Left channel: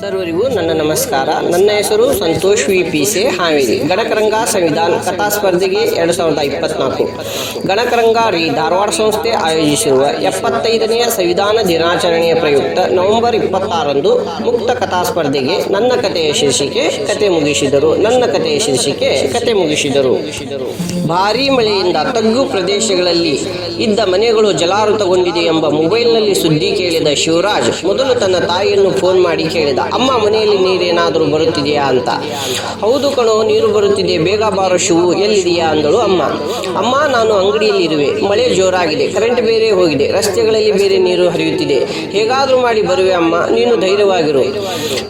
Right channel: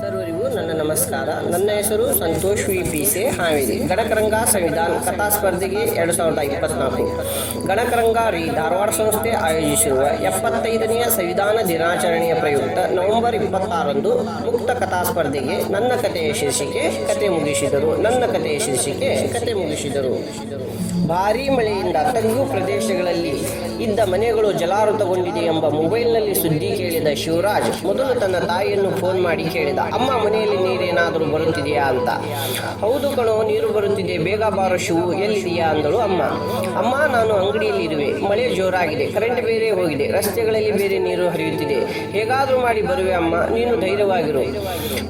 ಸರ್ವರಿಗೂ ನನ್ನ ನಮಸ್ಕಾರ. ನನ್ನ ಹೆಸರು ಸಂತೋಷ್ ವಿ ಪಿ ಸೆ ಹಾವೇರಿ. ಗಣಕರಂಗ ಸಂವಿಧಾನ ಕಥಾ ಸ್ಪರ್ಧೆಗೆ ಎರಡು ಸಾವಿರದ ಇಪ್ಪತ್ನಾಲ್ಕು. ಗಣಕರಂಗ ರೀ ಧಾರವಾಡ ಸಂಸ್ಥೆ ಆಯೋಜಿಸಿರುವ ಎಪ್ಪತ್ತೈದನೆಯ ಸಂವಿಧಾನ ದಿನಾಚರಣೆಯ ಪ್ರಯುಕ್ತ ನವೆಂಬರ್ ಇಪ್ಪತ್ತಾರಂದು ಮುಕ್ತ ಕಥಾ ಸ್ಪರ್ಧೆಗೆ ನನ್ನ ಕಥೆಯ ಶೀರ್ಷಿಕೆ ಕತೆ ಮುಗಿಸಿದರು. ನನ್ನ ಕಥೆಯ ಶೀರ್ಷಿಕೆ ಕತೆ ಮುಗಿಸಿದರು. ಭಾರೀ ಮಳೆಯಿಂದ ತಗ್ಗು ಪ್ರದೇಶಗಳಲ್ಲಿ ಇದ್ದ ಮನೆಗಳು ಜಲಾವೃತಗೊಂಡಿದೆ ಎಂಬ ಮೊಬೈಲ್ನಲ್ಲಿ ಸುದ್ದಿ ಕೇಳಿದ ಶಿವರಾಜ್, ಮೊದಲು ತನ್ನ ತಾಯಿಯನ್ನು ಫೋನ್ ಮಾಡಿ ಕೇಳಿದ. ಅಮ್ಮ, ಮನೆಯಲ್ಲಿ ನೀರೇನಾದರೂ ಬರುತ್ತಿದೆಯಾ? ಅಂತ. ಹೌದು ಕಣೋ, ನೀರು ಬರುತ್ತಿದೆ. ಬೇಗ ಬಾರೋ ಶಿವು ಎಲ್ಲಿದೆಯಾ? ಅಂದಳು ಅಮ್ಮ. ಅಮ್ಮ, ನಾನು ಅಂಗಡಿಯಲ್ಲಿ ಇರುವೆ. ಮಳೆ ಜೋರಾಗಿದೆ. ಕರೆಂಟ್ ಬೇರೆ ಹೋಗಿದೆ. ರಸ್ತೆಗಳಲ್ಲಿ ಬೇರೆ ನೀರು ಹರಿಯುತ್ತಿದೆ. ಹೇಗಾದರೂ ಮಾಡಿ ಬರುವೆ ಅಮ್ಮ. ನೀನು ಧೈರ್ಯವಾಗಿರು.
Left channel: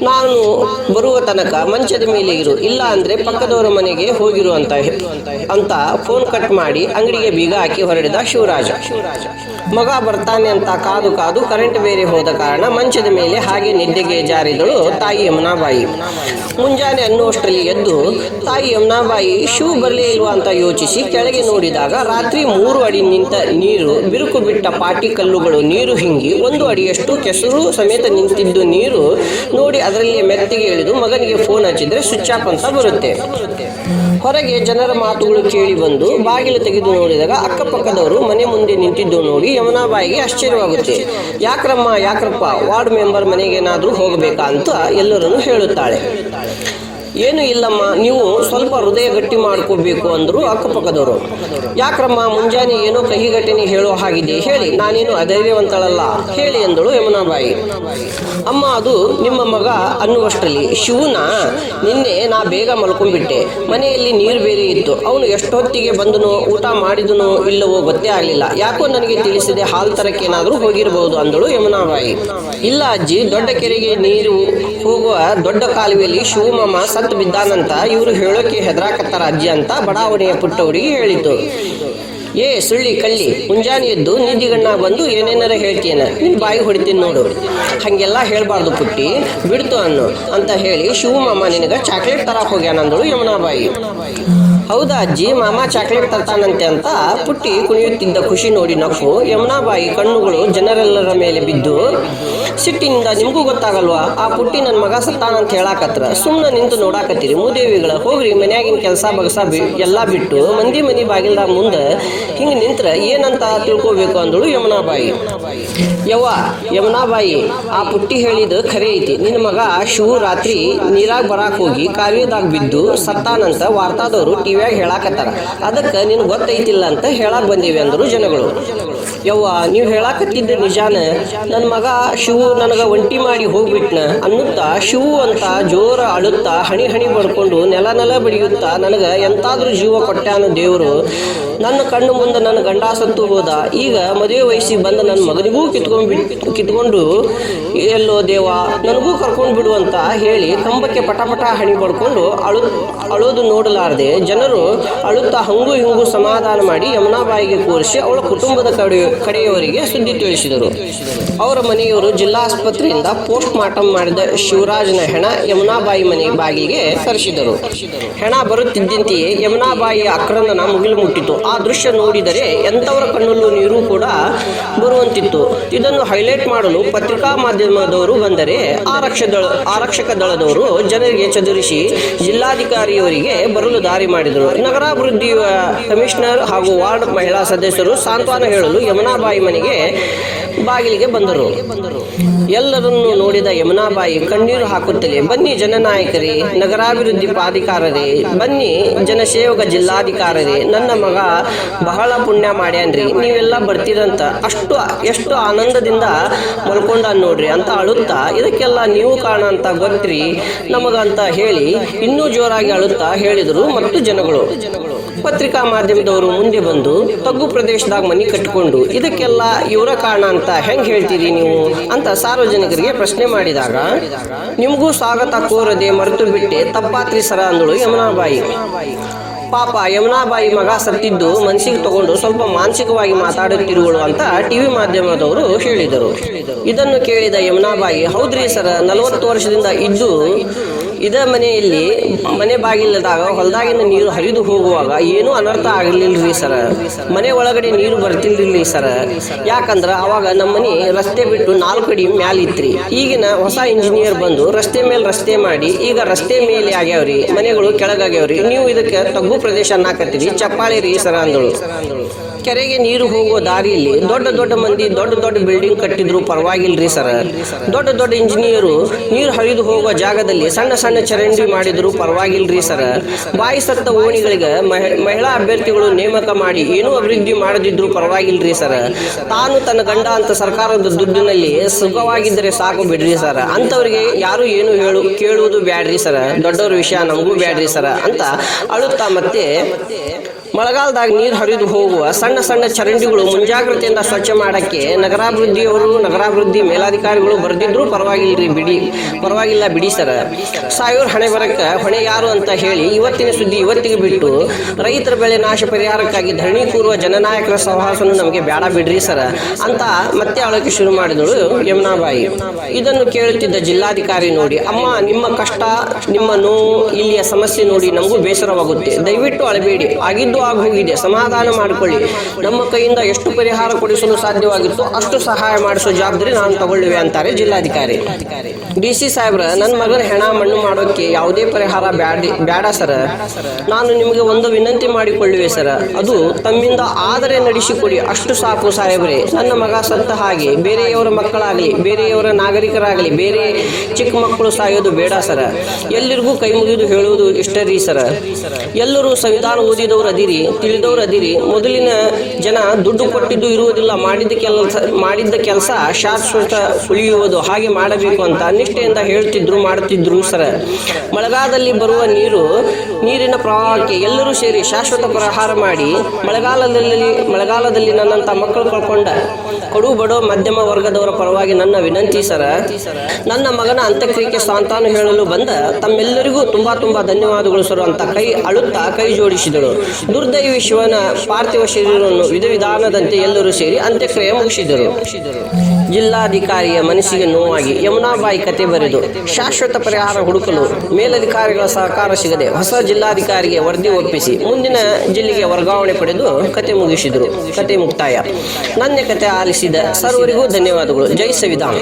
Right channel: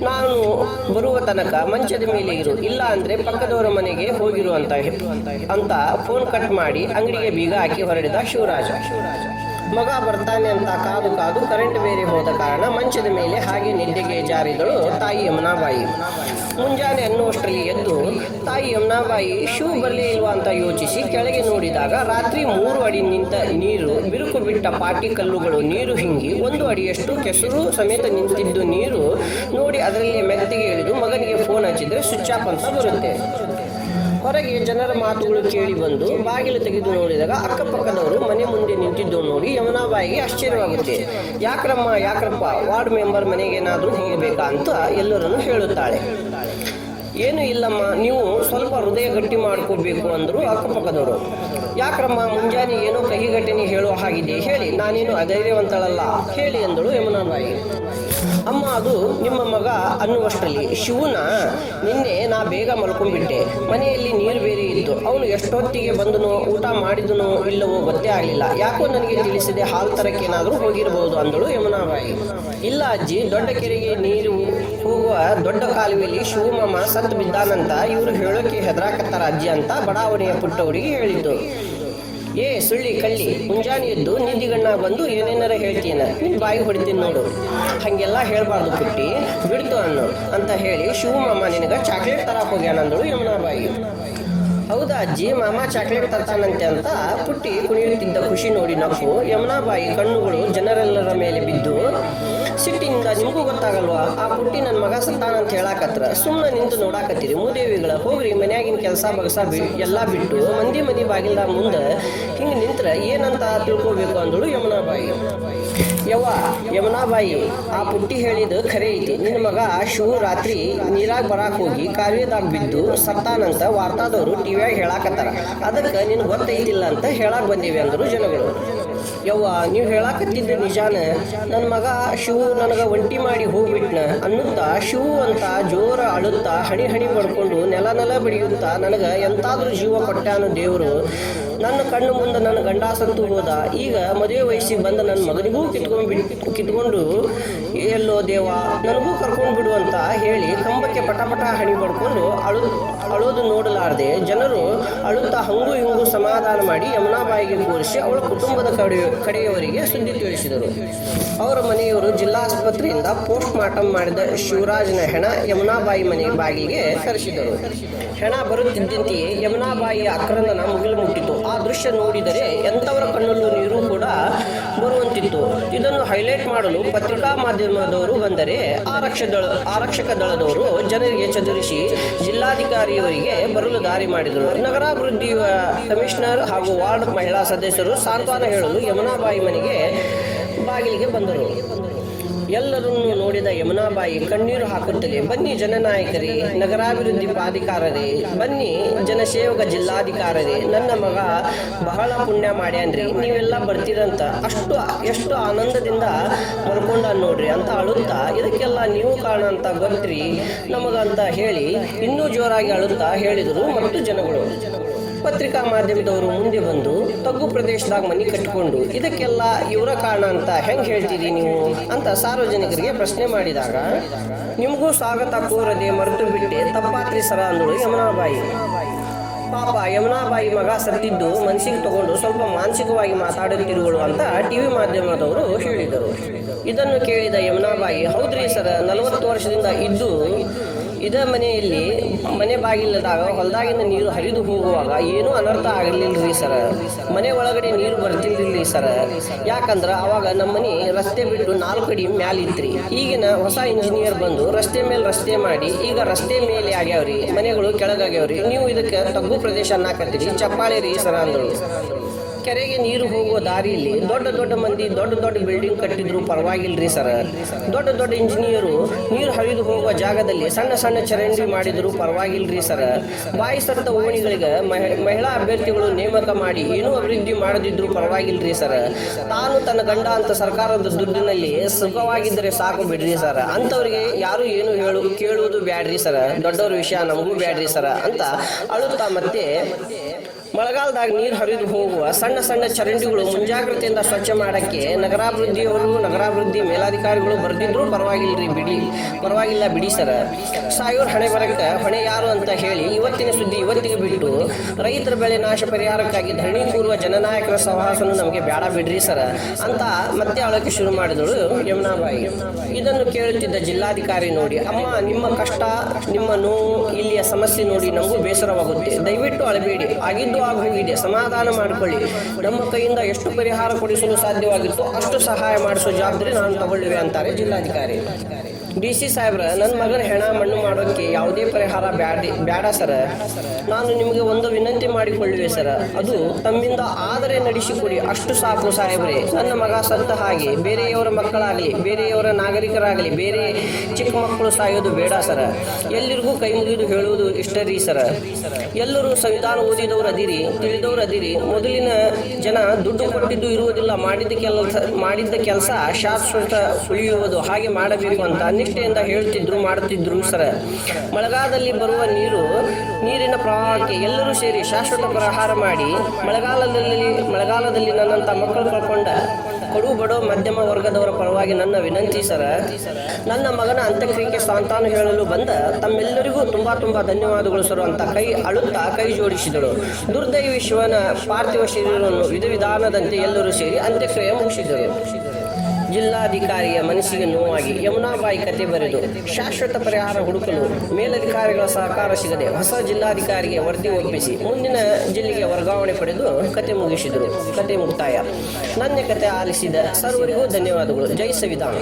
ನಾನು ಬರುವ ತನಕ ಮಂಚದ ಮೇಲೆ ಇರು. ಇಲ್ಲ ಅಂದರೆ ಪಕ್ಕದವರ ಮನೆಗೆ ಹೋಗಿರು ಅಂತ ಅಂತ ಫೋನ್ ಕಟ್ ಮಾಡಿ ಅಂಗಡಿಗೆ ಬೀಗ ಹಾಕಿ ಹೊರಡಿದ ಶಿವರಾಜ. ಮಗ ಬರ್ತಾನೆ ಅಂತ ಕಾದು ಕಾದು ಕರೆಂಟ್ ಬೇರೆ ಹೋದ ಕಾರಣ ಮಂಚದ ಮೇಲೆ ಹಾಗೆ ನಿದ್ದೆಗೆ ಜಾರಿದಳು ತಾಯಿ ಯಮುನಾಬಾಯಿ. ಮುಂಜಾನೆ ಅನ್ನುವಷ್ಟರಲ್ಲಿ ಎದ್ದು ತಾಯಿ ಯಮುನಾಬಾಯಿ, ಶೂ ಬರಲೇ ಇಲ್ವಾ? ಅಂತ ಯೋಚಿಸಿ ಕೆಳಗೆ ನೋಡಿದಾಗ ರಾತ್ರಿ ಮೂರು ಅಡಿ ನಿಂತ ನೀರು, ಬಿರುಕು ಬಿಟ್ಟ ಪಾಟಿ ಕಲ್ಲುಗಳು, ನೀರು ಹಿಂಗಿ ಒಂದು ಅಡಿಯಷ್ಟು ಕೆಸರು ಸಮೇತ ನಿಂತಿದ್ದು ನೀರು ನೋಡಿ ಅದರಲ್ಲಿ ಮೆತ್ತಿಗೆ ಇಳಿದು ಮಗನಿಗೆ ಫೋನ್ ಹಚ್ಚಿದ್ರೆ ಸ್ವಿಚ್ ಆಫ್ ಅಂತ ಬರುತ್ತೆ. ಹೊರಗೆ ಜನರ ಮಾತುಗಳು ಕೇಳಿ ಬಂದು ಬಾಗಿಲು ತೆಗೆದು ನೋಡಿದಾಗ ಅಕ್ಕಪಕ್ಕದವರು ಮನೆ ಮುಂದೆ ನಿಂತಿದ್ದು ನೋಡಿ ಯಮುನಾಬಾಯಿಗೆ ಆಶ್ಚರ್ಯವಾಗುತ್ತೆ. ಯಾಕ್ರಮ್ಮ, ಯಾಕ್ರಪ್ಪ, ವಾರ್ಡ್ ಮೆಂಬರ್ ಮನೆಗೇನಾದರೂ ಹೋಗಬೇಕಾ? ಅಂತ ಎಲ್ಲರನ್ನು ಹೇಳುತ್ತಾಳೆ. ಏನು ಇಲ್ಲಮ್ಮ, ನೀವು ಸ್ವಲ್ಪ ಹೃದಯ ಗಟ್ಟಿ ಮಾಡ್ಕೋಬೇಕು ಅಂದರು ಅಕ್ಕಪಕ್ಕದವರು. ಯಾಕ್ರಮ್ಮ, ಮುಂಜಾನೆ ಏನೋ ಕಹಿ ಘಟನೆ ಹೇಳೋ ಹಾಗಿದೆ ಹೇಳಿ, ನಾನೇನು ಅಧೈರ್ಯವಂತಳಲ್ಲ, ಹೇಳಿ ಎಂದಳು ಯಮುನಾಬಾಯಿ. ಅಮ್ಮ, ಅದು ನಿಮ್ಮ ಮಗ ಅನ್ನುವಷ್ಟರಲ್ಲಿ, ಶಿವನ ನಿನ್ನೆ ನಾ ಬೇಗ ಮಲ್ಕೊಂಡ್ಬಿಟ್ಟೆ. ಮನೆಯಲ್ಲಿ ನೀರು ಬೇರೆ ಇತ್ತು. ಅವನು ಎಷ್ಟೊತ್ತಿಗೆ ಬಂದನೋ, ಊಟ ಮಾಡಿದನೋ ಇಲ್ಲವೋ ಗೊತ್ತೇ ಆಗಲಿಲ್ಲ. ಯಾಕೋ ನನಗೆ ತಿಳಿಸಿದೆ ಹಾಲ್ ತರಕ್ಕೇನಾದರೂ ಹೋಗಿರಬಹುದು ಅಂದಳು ಯಮುನಾಬಾಯಿ. ಇಲ್ಲ ಅಜ್ಜಿ, ದೊಡ್ಡ ಕೆರೆಗೆ ನೀರು ಹೋಗುವ ದೊಡ್ಡ ಕಾಲುವೆಯಲ್ಲಿ ಶಿವಮಮ್ಮ ಸತ್ತು ಬಿದ್ದಾನಂತ ಇವರು ಹೇಳೋಕೆ ಹೆದರಾಕತ್ತಾರ ಅಜ್ಜಿ ಅಂತ ಬಡಾವಣೆಯ ಪುಟ್ಟ ಹೇಳಿತು ಏ, ಸುಳ್ಳಿ, ಕಳ್ಳಿ, ಮುಂಜಾನೆ ಎದ್ದು ನಿದ್ದಿಗಣ್ಣ ಬಂದು ಏನೇನಾರ ಹೇಳ್ತೀನ ನಿನ್ ಬಾಯಿ ಹೊಡಿತೀನಿ ನೋಡು. ಹಂಗೆಲ್ಲ ಹೇಳ್ಬಾರ್ದು ಪುಟ್ಟಿ. ಬಿಡ್ತು ಅನ್ನು ಅಂತ ಹೇಳಿ ಶಿವಮಾಮ ನಿನಗ ಚಾಕ್ಲೇಟ್ ತರಕ್ ಹೋಗ್ಯಾನಂದಳು ಯಮುನಾಬಾಯಿ. ಹೌದಾ ಅಜ್ಜಿ, ಮಾಮ ಚಾಕ್ಲೇಟ್ ತರ್ತಾನಂತೆ ಅಂತ ಪುಟ್ಟಿ ಕುಣಿಯುತ್ತಿದ್ದ ಖುಷಿ ನೋಡಿ ನಕ್ಕು, ಯಮುನಾಬಾಯಿ ಕಣ್ಣುಗಳು ಜನರೆಲ್ಲರ ಮೇಲೆ ಬಿದ್ದು, ಸಿಟ್ಟಿನಿಂದ ನಿಮಗೂ ಗೊತ್ತಾಗಲ್ವಾ? ಆ ಪುಟ್ಟಿ ನನ್ನ ಮಗ ಸತ್ತಾನಂತ ಹೇಳಾಕತ್ರ. ಸುಮ್ಮನೆ ನಿಂತು ನೋಡಾಕತ್ತೀರಿ. ಮೂದೇವಿಗಳ ಹೋಗ್ರಿ, ಮನ್ಯಾಗಿನ ಕೆಲಸ ಬಗಸ ಬಿ, ಎಲ್ಲ ಬಿಟ್ಟು, ಮಂದಿ ಮನಿ ಬಾಗಿಲ್ದ ಮುಂದೆ ಹಿಂಗೆ ನಿಂತ್ರ ಏನಂತ ತಿಳ್ಕೊಬೇಕು ಅಂದಳು ಯಮುನಾಬಾಯಿ. ಯವ್ವ, ಯಮುನಾಬಾಯಿ, ಆ ಪುಟ್ಟಿ ಹೇಳಿದ ಖರೆ ಐತಿ. ನಿನ್ನ ಮಗ ಶಿವ ರಾತ್ರಿ ನೀರಾಗ ಬರಾಕ್ ಹೋಗಿ ಕಾವ್ಯದಾಗ ಬಿದ್ದು ಸತ್ತಾನಂತ ವಾರ್ತಾದವರು ಟಿವಿಯಾಗ ಹೇಳಾಕತ್ತಾರ. ಅದಕ್ಕೆ ನಿನ್ ಗೊತ್ತೈತಿಲ್ಲ ಅಂತ ಹೇಳಕ್ಕೆ ಬಂದೀವಿ ಅಂದರು ಜನಗಳು. ಯವ್ವ, ನೀವು ಹೇಳಾಕತ್ತಿದ್ದ ನಿಜಾನ? ನನ್ನ ಮಗ ಶಿವು ನನಗೆ ಒಂಟಿ ಮಾಡಿ ಹೋಗ್ಬಿಟ್ನ. ಅನ್ನುತ್ತಾ ಶಿವು ಅಂತ ಜೋರ ಅಳುತ್ತಾ ಹಣಿ ಹಣಿ ಬಡ್ಕೊಂಡು ನೆಲ ನೆಲ ಬಡಿಯುತ್ತಾ ನನಗೆ ಎಂತಾದ್ರೂ ಜೀವ ಕೊಟ್ಟಾನ ದೇವರು. ನನ್ನ ಕಣ್ಣು ಮುಂದೆ ನನ್ನ ಗಂಡ ಸತ್ತು ಹೋದ. ಈಗ ಮದುವೆ ವಯಸ್ಸಿಗೆ ಬಂದ ನನ್ನ ಮಗನಿಗೂ ಕಿತ್ಕೊಂಡು ಬಿಟ್ಟು ಕಿತ್ಕೊಂಡು ಎಲ್ಲೋ ದೇವ, ನನಗೂ ಕರ್ಕೊಂಡು ಬಿಡು ಅಂತ ಹೇಳಿ ಕಂಬಕ್ಕೆ ಪಟ ಪಟ ಹಣಿ ಪಡ್ಕೊಂಡು ಅಳು, ಅಳೋದು ನೋಡಲಾರದೆ ಜನರು ಅಳುತ್ತಾ ಹಂಗು ಹಿಂಗು ಸಮಾಧಾನ ಮಾಡಿ ಯಮುನಾಬಾಯಿಗೆ ಕೂರಿಸಿ ಅವಳ ಕುಟುಂಬದ ಕಡೆ, ಕಡೆಯವರಿಗೆ ಸುದ್ದಿ ತಿಳಿಸಿದರು. ಅವರ ಮನೆಯವರು ಜಿಲ್ಲಾ ಆಸ್ಪತ್ರೆಯಿಂದ ಪೋಸ್ಟ್ ಮಾರ್ಟಮ್ ಮಾಡಿದ ಶಿವರಾಜನ ಹೆಣ ಯಮುನಾಬಾಯಿ ಮನೆ ಬಾಗಿಲಿಗೆ ಕರೆಸಿದರು ಹೆಣ ಬರುತ್ತಿದ್ದಂತೆಯೇ ಯಮುನಾಬಾಯಿಯ ಅಕ್ರಂದನ ಮುಗಿಲು ಮುಟ್ಟಿತು. ಆ ದೃಶ್ಯ ನೋಡಿದರೆ ಎಂಥವರ ಕಣ್ಣಲ್ಲೂ ನೀರು ಕೂಡ ಬರುವಂತಿತ್ತು. ಇದನ್ನು ಹೈಲೈಟ್ ಮಾಡಲು ಪತ್ರಿಕಾ ಮಾಧ್ಯಮದವರು ಬಂದರೆ ಆರಕ್ಷ ದಳ, ಆರಕ್ಷಕ ದಳದವರು ಜನರಿಗೆ ಚದುರಿಸಿ ಜಿಲ್ಲಾಧಿಕಾರಿಯವರಿಗೆ ಬರಲು ದಾರಿ ಮಾಡಿದರು. ನಗರಾಭಿವೃದ್ಧಿ ಕಮಿಷನರ್ ಹಾಗೂ ವಾರ್ಡ್ ಮಹಿಳಾ ಸದಸ್ಯರು ಸಾಂತ್ವನ ಹೇಳಲು ಯಮುನಾಬಾಯಿ ಮನೆಗೆ ಬಾಗಿಲಿಗೆ ಬಂದರು. ಎಲ್ಲರನ್ನೂ ನೋಡಿದ ಯಮುನಾಬಾಯಿ, ಕಣ್ಣೀರು ಹಾಕುತ್ತಲೇ, ಬನ್ನಿ ಜನನಾಯಕರೇ, ನಗರಾಭಿವೃದ್ಧಿ ಪ್ರಾಧಿಕಾರರೇ, ಬನ್ನಿ ಜನಸೇವಕ ಜಿಲ್ಲಾಧಿಕಾರರೇ, ನನ್ನ ಮಗ ಬಹಳ ಪುಣ್ಯ ಮಾಡ್ಯಾನ್ರಿ, ನೀವೆಲ್ಲ ಬರ್ತೀರಂತ, ಅಷ್ಟು, ಎಷ್ಟು ಆನಂದದಿಂದ ಮಲ್ಕೊಂಡ ನೋಡ್ರಿ, ಅಂತ ಅಳುತ್ತಾ, ಇದಕ್ಕೆಲ್ಲ ನೀವು ಕಾರಣ ಅಂತ ಗೊತ್ತ್ರಿ, ನಮಗಂತ ಹೇಳಿ, ಇನ್ನೂ ಜೋರಾಗಿ ಅಳುತ್ತಾ ಹೇಳಿದರು ಮತ್ತು ಜನಗಳು. ಪತ್ರಿಕಾ ಮಾಧ್ಯಮದವರು ಮುಂದೆ ಬಂದು ತಗ್ಗು ಪ್ರದೇಶದಾಗ ಮನೆ ಕಟ್ಟಿಕೊಂಡು, ಇದಕ್ಕೆಲ್ಲ ಇವರ ಕಾರಣ ಅಂತ ಹೆಂಗ್ ಹೇಳ್ತೀರಿ ನೀವು? ಅಂತ ಸಾರ್ವಜನಿಕರಿಗೆ ಪ್ರಶ್ನೆ ಮಾಡಿದಾಗ, ನಿಮಗೂ ಸ್ವಾಗತ ಕೋರದೆ ಮರೆತು ಬಿಟ್ಟೆ ತಪ್ಪಾತ್ರಿ ಸರ ಅಂದಳು ಯಮುನಾಬಾಯಿ. ಪಾಪ, ಯಮುನಾಬಾಯಿ ಮಗ ಸತ್ತಿದ್ದು ಮನಸ್ಸಿಗೆ ತಗೊಂಡು ಸ್ವಲ್ಪ ಮಾನಸಿಕವಾಗಿ ಮಾತಾಡುತ್ತಿರುವಳು ಅಂತ ಟಿವಿ ಮಾಧ್ಯಮದವರು ಹೇಳಿದರು. ಇದನ್ನು ಕೇಳಿದ ಯಮುನಾಬಾಯಿ, ಹೌದ್ರಿ ಸರ, ನಲವತ್ತು ವರ್ಷದಿಂದ ಇದ್ದು ಇದ ಮನೆಯಲ್ಲಿ ಮನೆ ಬಾಗಿಲದಾಗ ಹೊಲದಾಗಿನ ನೀರು ಹರಿದು ಹೋಗುವಾಗ ಏನೂ ಅನರ್ಥ ಆಗಲಿಲ್ಲರಿ ಸರ. ಮನೆ ಒಳಗಡೆ ನೀರು ಬರ್ತಿಲ್ರಿ ಸರ. ಯಾಕಂದ್ರೆ ಅವಾಗ ನಮ್ಮ ಮನೆ ರಸ್ತೆ ಬಿಟ್ಟು ನಾಲ್ಕು ಅಡಿ ಮ್ಯಾಲ ಇತ್ರಿ. ಈಗಿನ ಹೊಸ ಇಂಜಿನಿಯರ್ ಬಂದು ರಸ್ತೆ ಮೇಲೆ ರಸ್ತೆ ಮಾಡಿ ಈಗ ರಸ್ತೆ ಮೇಲೆ ಆಗ್ಯಾವ್ರಿ, ಮನೆಗಳು ಕೆಳಗಾಗ್ಯಾವ್ರಿ. ನೀವು ಇದಕ್ಕೆ ತಗ್ಗು ಪ್ರದೇಶ ಅನ್ನಾಕತ್ತೀರಿ, ಚಪ್ಪಾಳಿ ರೀ ಸರ ಅಂದಳು. ಕೆರೆಗೆ ನೀರು ಹೋಗುವ ದಾರಿಯಲ್ಲಿ ದೊಡ್ಡ ದೊಡ್ಡ ಮಂದಿ ದೊಡ್ಡ ದೊಡ್ಡ ಬಿಲ್ಡಿಂಗ್ ಕಟ್ಟಿದ್ರು ಪರವಾಗಿಲ್ಲ ರೀ ಸರ್. ದೊಡ್ಡ ದೊಡ್ಡ ಇಂಜಿನಿಯರು ನೀರು ಹರಿದು ಹೋಗುವ ಜಾಗದಲ್ಲಿ ಸಣ್ಣ ಸಣ್ಣ ಚರಂಡಿ ಮಾಡಿದ್ರು ಪರವಾಗಿಲ್ರಿ ಸರ್. ಬಾಯಿ ಸತ್ತ ಓಣಿಗಳಿಗೆ ಮಹಿ- ಮಹಿಳಾ ಅಭ್ಯರ್ಥಿಗಳು ನೇಮಕ ಮಾಡಿ ಏನೂ ಅಭಿವೃದ್ಧಿ ಮಾಡದಿದ್ರು ಪರವಾಗಿಲ್ಲ ರೀ ಸರ್. ತಾನು ತನ್ನ ಗಂಡ ಅಂತ ಸರ್ಕಾರದ ದುಡ್ಡಿನಲ್ಲಿ ಸುಖವಾಗಿದ್ದರೆ ಸಾಕು ಬಿಡ್ರಿ ಸರ್. ಅಂಥವ್ರಿಗೆ ಯಾರು ಏನು ಹೇಳು, ಕೇಳುವುದು ಬ್ಯಾಡ್ರಿ ಸರ್. ದೊಡ್ಡವ್ರ ವಿಷಯ ನಮಗೂ ಬ್ಯಾಡ್ರಿ ಸರ್ ಅಂತ ಅಳುತ್ತಾ ಮತ್ತೆ ಮಳೆಗಾಲದಾಗ ನೀರು ಹರಿದು ಹೋಗುವ ಸಣ್ಣ ಸಣ್ಣ ಚರಂಡಿಗಳು ಮುಂಜಾಗ್ರತೆಯಿಂದ ಸ್ವಚ್ಛ ಮಾಡೋಕ್ಕೆ ನಗರಾಭಿವೃದ್ಧಿಯವರು, ನಗರಾಭಿವೃದ್ಧಿ ಮೇಲಾಧಿಕಾರಿಗಳು ಬರೆದಿದ್ರು ರೀ ಬಿಡಿ. ಪರವಾಗಿಲ್ಲ ಬಿಡಿ ಸರ. ಸಾವಿರ ಹಣೆ ಬರಕ್ಕ ಹೊಣೆ ಯಾರು ಅಂತ ಹೇಳಿ ಇವತ್ತಿನ ಸುದ್ದಿ ಇವತ್ತಿಗೆ ಬಿಟ್ಟು ರೈತರ ಬೆಳೆ ನಾಶ ಪರಿಹಾರಕ್ಕಾಗಿ ಧರಣಿ ಕೂರುವ ಜನನಾಯಕರ ಸಹವಾಸನು ನಮಗೆ ಬೇಡ ಬಿಡ್ರಿ ಸರ. ಅಂತ ಮತ್ತೆ ಅಳಕ್ಕೆ ಶುರು ಮಾಡಿದಳು ಯಮುನಾಬಾಯಿ. ಇದನ್ನು ಕೇಳುತ್ತಿದ್ದ ಜಿಲ್ಲಾಧಿಕಾರಿ ನೋಡಿ, ಅಮ್ಮ, ನಿಮ್ಮ ಕಷ್ಟ, ನಿಮ್ಮ ನೋವು ಸಮಸ್ಯೆ ನೋಡಿ ನಮಗೂ ಬೇಸರವಾಗುತ್ತೆ. ದಯವಿಟ್ಟು ಅಳಬೇಡಿ. ಆಗಿದ್ದು ಆಗೋಗಿದೆ. ಸಮಾಧಾನ ಮಾಡಿಕೊಳ್ಳಿ. ನಮ್ಮ ಕೈಯಿಂದ ಎಷ್ಟು ಪರಿಹಾರ ಕೊಡಿಸಲು ಸಾಧ್ಯವಾಗಿತ್ತು ಅಷ್ಟು ಸಹಾಯ ಮಾಡಿಸೋ ಜವಾಬ್ದಾರಿ ನಾನು ತಗೊಳ್ಳುವೆ ಅಂತಾರೆ ಜಿಲ್ಲಾಧಿಕಾರಿ. ಡಿ ಸಿ ಸಾಹೇಬ್ರ, ನನ್ನ ಮಗನ ಹೆಣ ಮಣ್ಣು ಮಾಡೋಕ್ಕೆ ಯಾವುದೇ ಪರಿಹಾರ ಬ್ಯಾಡ ಬ್ಯಾಡ ಸರ. ನಾನು ನಿಮಗೆ ಒಂದು ವಿನಂತಿ ಮಾಡಿಕೊಳ್ಳುವೆ ಸರ್. ಅದು ತಮ್ಮಿಂದ ಆದರೆ ನಡೆಸಿಕೊಡಿ. ಅಷ್ಟು ಸಾಕು ಸಾಹೇಬ್ರೆ. ನನ್ನ ಮಗ ಸತ್ತ ಹಾಗೆ ಬೇರೆಯವರ ಮಕ್ಕಳಾಗಲಿ, ಬೇರೆಯವರ ನಾಗರಿಕರಾಗಲಿ, ಬೇರೆ ಚಿಕ್ಕ ಮಕ್ಕಳು ಸಾಯೋದು ಬೇಡ ಸರ್. ಎಲ್ಲರಿಗೂ ಕೈ ಮುಗಿದು ಹೇಳುವುದು ಇಷ್ಟ ರೀ ಸರ. ಎಲ್ಲರೂ ಸಂವಿಧಾನ ಓದಿದವರು ಅದಿರಿ, ತಿಳಿದವರು ಅದಿರಿ. ಮೊದಲಿನ ಜನ ದುಡ್ಡು ಕೊಟ್ಟಿದ್ದು ಇರುವುದಿಲ್ಲ ಮಾಡಿದ ಕೆಲಸ, ಮಾಡಿದ್ದ ಕೆಲಸ ಶಾಶ್ವತ ಉಳಿಯುವುದು. ಹಾಗೆ ಮಾಡಬೇಕು ಅಂತ ನಿಷ್ಠೆಯಿಂದ ಹೇಳ್ತಿದ್ರು ಮಾಡುತ್ತಿದ್ರು ಸರ. ಮಳೆಗಾಲದಲ್ಲಿ ಬರುವ ನೀರು, ನೀರಿನ ಪ್ರವಾಹಕ್ಕೆ ಎಲ್ಲರೂ ಸೇರಿ ಶಾಶ್ವತ ಪ್ರಹಾರ ಮಾಡಿ ಮಳೆಗಾಲದಲ್ಲಿ ಮಳೆಗಾಲದಲ್ಲಿ ನನ್ನಂಥ ಮಕ್ಕಳು ಕಳ್ಕೊಂಡ ಕೊಡು ಬಡೋ ಮಧ್ಯಮ ವರ್ಗದವರ ಪರವಾಗಿ ನನ್ನ ವಿನಂತಿ ಸರ. ನನ್ನ ಮಗನ ಅಂತ್ಯಕ್ರಿಯೆಗೆ ಸಾಂತಾನು ಹೇಳಲು ಬಂದ ತಮ್ಮೆಲ್ಲರಿಗೂ ತುಂಬಾ ತುಂಬಾ ಧನ್ಯವಾದಗಳು ಸರ್ ಅಂತ ಕೈ ಅಳುತ್ತಾ ಕೈ ಜೋಡಿಸಿದಳು ದುರ್ದೈವಿ ಶಿವನ ಪಾರ್ಥಿವ ಶರೀರವನ್ನು ವಿಧ ವಿಧಾನದಂತೆ ಎಲ್ಲರೂ ಸೇರಿ ಅಂತ್ಯಕ್ರಿಯೆ ಮುಗಿಸಿದರು. ಜಿಲ್ಲಾಧಿಕಾರಿಯ ಮನಸ್ಸಿಗೆ ನೋವಾಗಿ ಯಮುನಾಬಾಯಿ ಕತೆ ಬರೆದು ಶಾಶ್ವತ ಪರಿಹಾರ ಹುಡುಕಲು ಮೇಲಧಿಕಾರಿಗಳ ಸಹಕಾರ ಸಿಗದೆ ಹೊಸ ಜಿಲ್ಲಾಧಿಕಾರಿಗೆ ವರದಿ ಒಪ್ಪಿಸಿ ಮುಂದಿನ ಜಿಲ್ಲೆಗೆ ವರ್ಗಾವಣೆ ಪಡೆದು ಕತೆ ಮುಗಿಸಿದರು. ಕತೆ ಮುಕ್ತಾಯ. ನನ್ನ ಕತೆ ಆಲಿಸಿದ ಸರ್ವರಿಗೂ ಧನ್ಯವಾದಗಳು. ಜೈ ಸಂವಿಧಾನ.